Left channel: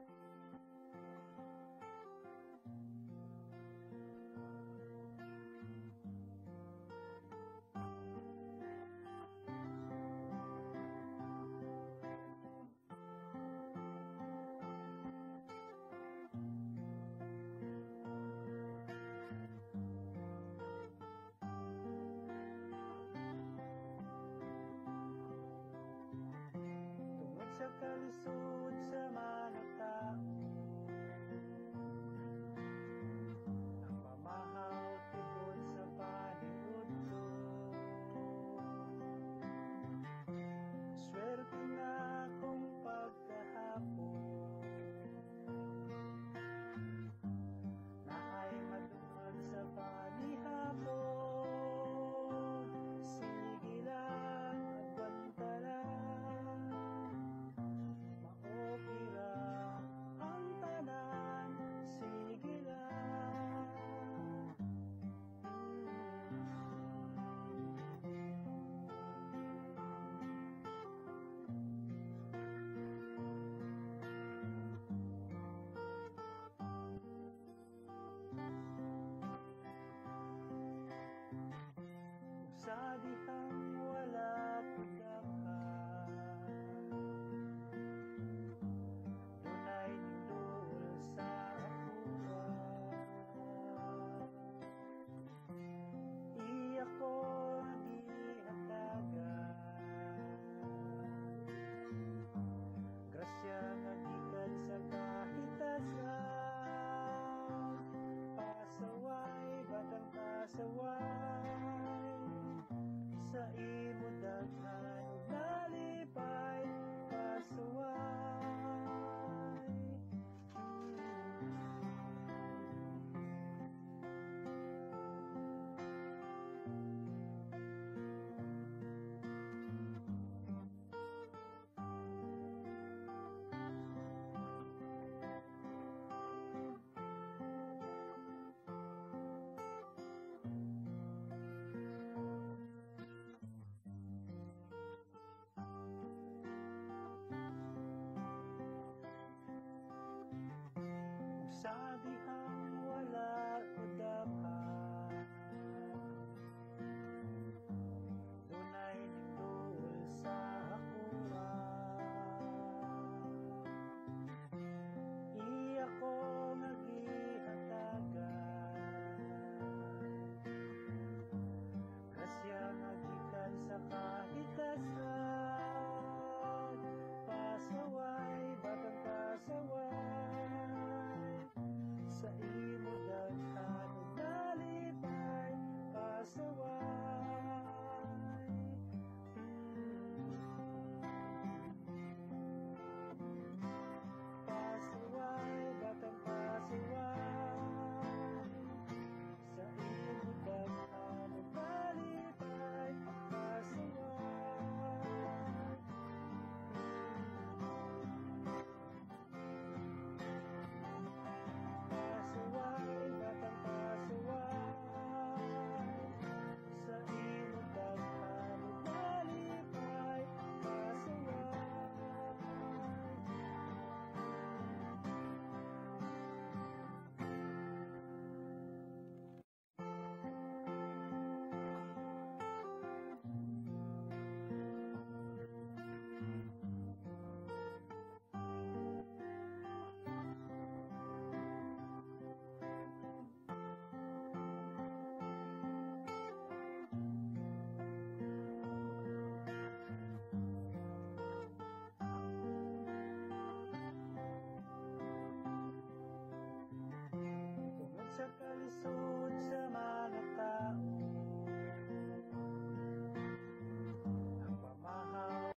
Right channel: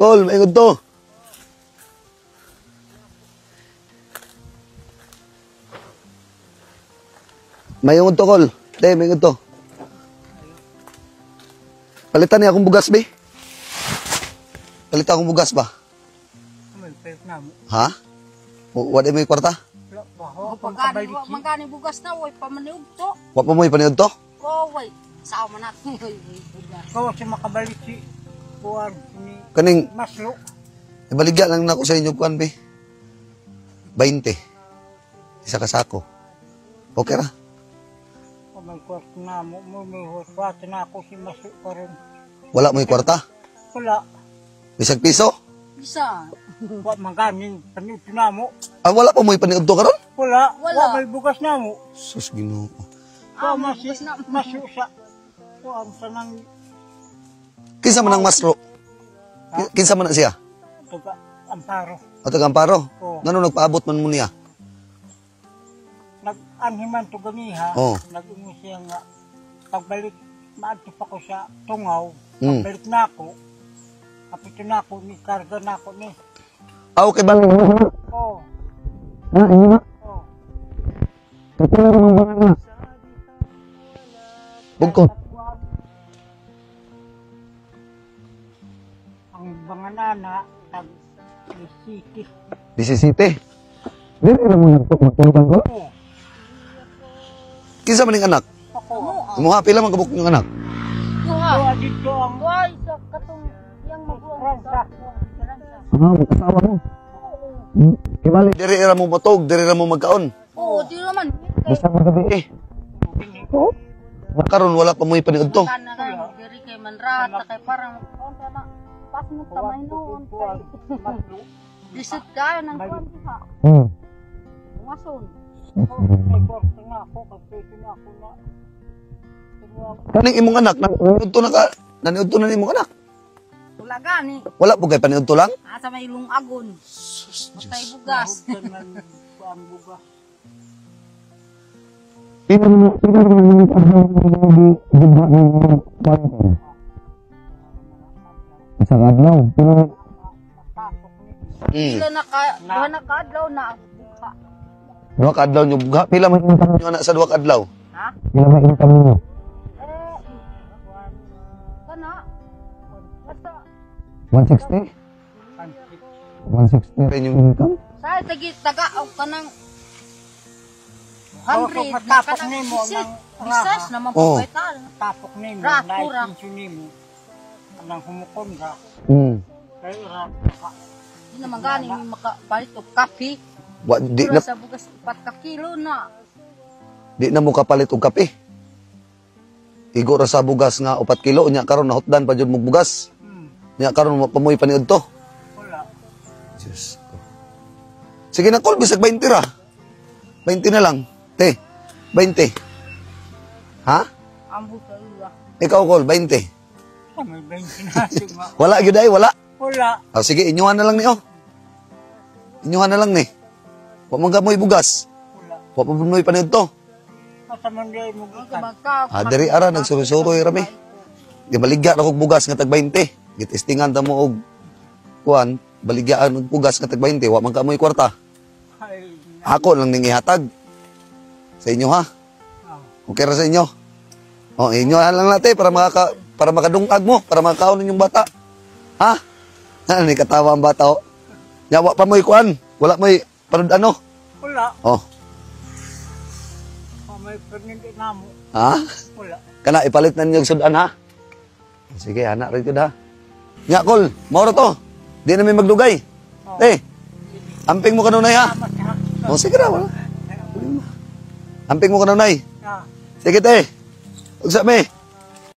Kol, maingod to. Maingod to, Kol. Te, maingod to. Palitan niya akong bugas, be. Palitan akong bugas ba? Ha? Wala may kwarta? Magkani bugas na, way pamaniog to. Wa pa mo ipaniod to? Oo, way. Sao man natin. Kau siya makabalik si Kuwan ni Kaning, Maslo. ibaligya lang na ako sa inyo, kuan, be. 20. Isa kasako. Okay ra? Kung may kwarto na mo, may kwarto na ako si Maslo pa rin. Wala mo kwarta? Wala. Bisag piso? Bisa. Wa maganing panit na mo. Ah, wala pa mo ipaniod to karon? Wala. Wala. Wa may bugas na mo. Sus, Ginoo. Wa Maslo sa kuwan sa nang Kinsa man ang masro? Kinsa man na siya? tuga Amparo. O taga-amparo? Oo. Ngano nagpaabot man mo niya? Nag-anhiman to ganiha. Oo. Nag-ingo siya nga pagbalik maadto pa ko sa tungaw. Mm. Pagbalik na ako. Kapito na ako ni karga na ako ni. Ah, okay ba? Oh. Ah, inyo na. Oh. Kapila naman ba na? Bugkot. Ang mga nana nag-sikis. 17. Dili na mo nagtulungan ko? Oh. Kinsa man ning anak? Ako. Imuha pila man kabuk yung anak? Kuha. Kuha dito ang Way, sa katong yang Ransa. Ah, mag-asawa mo. Kibali. Diri ra mo matog, diri ra mo magkaon. Oo, di naman. Basta magabi eh. Oo. Karon wala pa mo ipaniod to. Kana na, diri kay Manrata, kay parang, pas mo tamay noon. Disot tayo ng kwan pa. Umason. May kwarto na ako. Kapito na ako na. Kaning imong anak, naniud to na ka, naniud to na imong anak. Wala gani. Wala po kay paniud to lang. Asa may ilong agon. Basta'y bugas. Ang buga. Isang adlaw. Sila nakadlaw na. Dua ka adlaw nyo buga. Pila man income nyo anak sa dua ka adlaw? Ha? Pila man income nyo? Kana. Basta. 160? 160 rin yung income? Sa taga o kanang Oh, 100 tapos kanang nimo bisit. ng Bisas na Oh. mapagkaital. tapok ni mo. Rato, Dahil rato. pension ni mo. Anang humukon ka. Kaya rato ka. Di naman gani may makapalit o kape. Di Pero na, sa bugas 4 ka kilo na. di na mo kapalit og kape. Igo ra sa bugas nga 4 kilo. Nya karon nahutdan pa jud mo bugas. Nya karon pamoy paniud to. Wala. Diyos. Sige na, Kol, bisag 20 ra. 20 na lang. Te, 20. Ha? Ambo sa iya. Ikaw, Kol, 20. May 20 na siya. Wala, yun ay, wala. Wala. Oh, sige, inyuhan na lang ni, oh. Inyuhan na lang ni. Huwag mong gamoy bugas. Huwag mo mo'y paniod to. Masaman din mo ikan. Ah, diri ara, nagsurusuroy rami. Di baligya na kong bugas nga tag 20. Gitistingan ta mo og kuan, baligyaan og bugas nga tag 20. Huwag man ka mo'y kwarta. Ay, Ako lang ning ihatag. Sa inyo, ha? Okay ra sa inyo? Oh, inyo lang natin para makadungag mo, para makakaon yung bata. Ha? Ano ni katawa ang bata, oh. Yawa pa mo'y kuan. Wala mo'y parod ano. wala. Oh, May pernindi na mo. ha? Wala. Kana ipalit na niyo sudan, ha? Sige, anak rin ko da. Nya, Kol, mauro to. Di na may magdugay. Eh, amping mo kanunay, ha? Oh, sige na, wala. Amping mo kanunay. Ah. Sige, te. Ugsa me.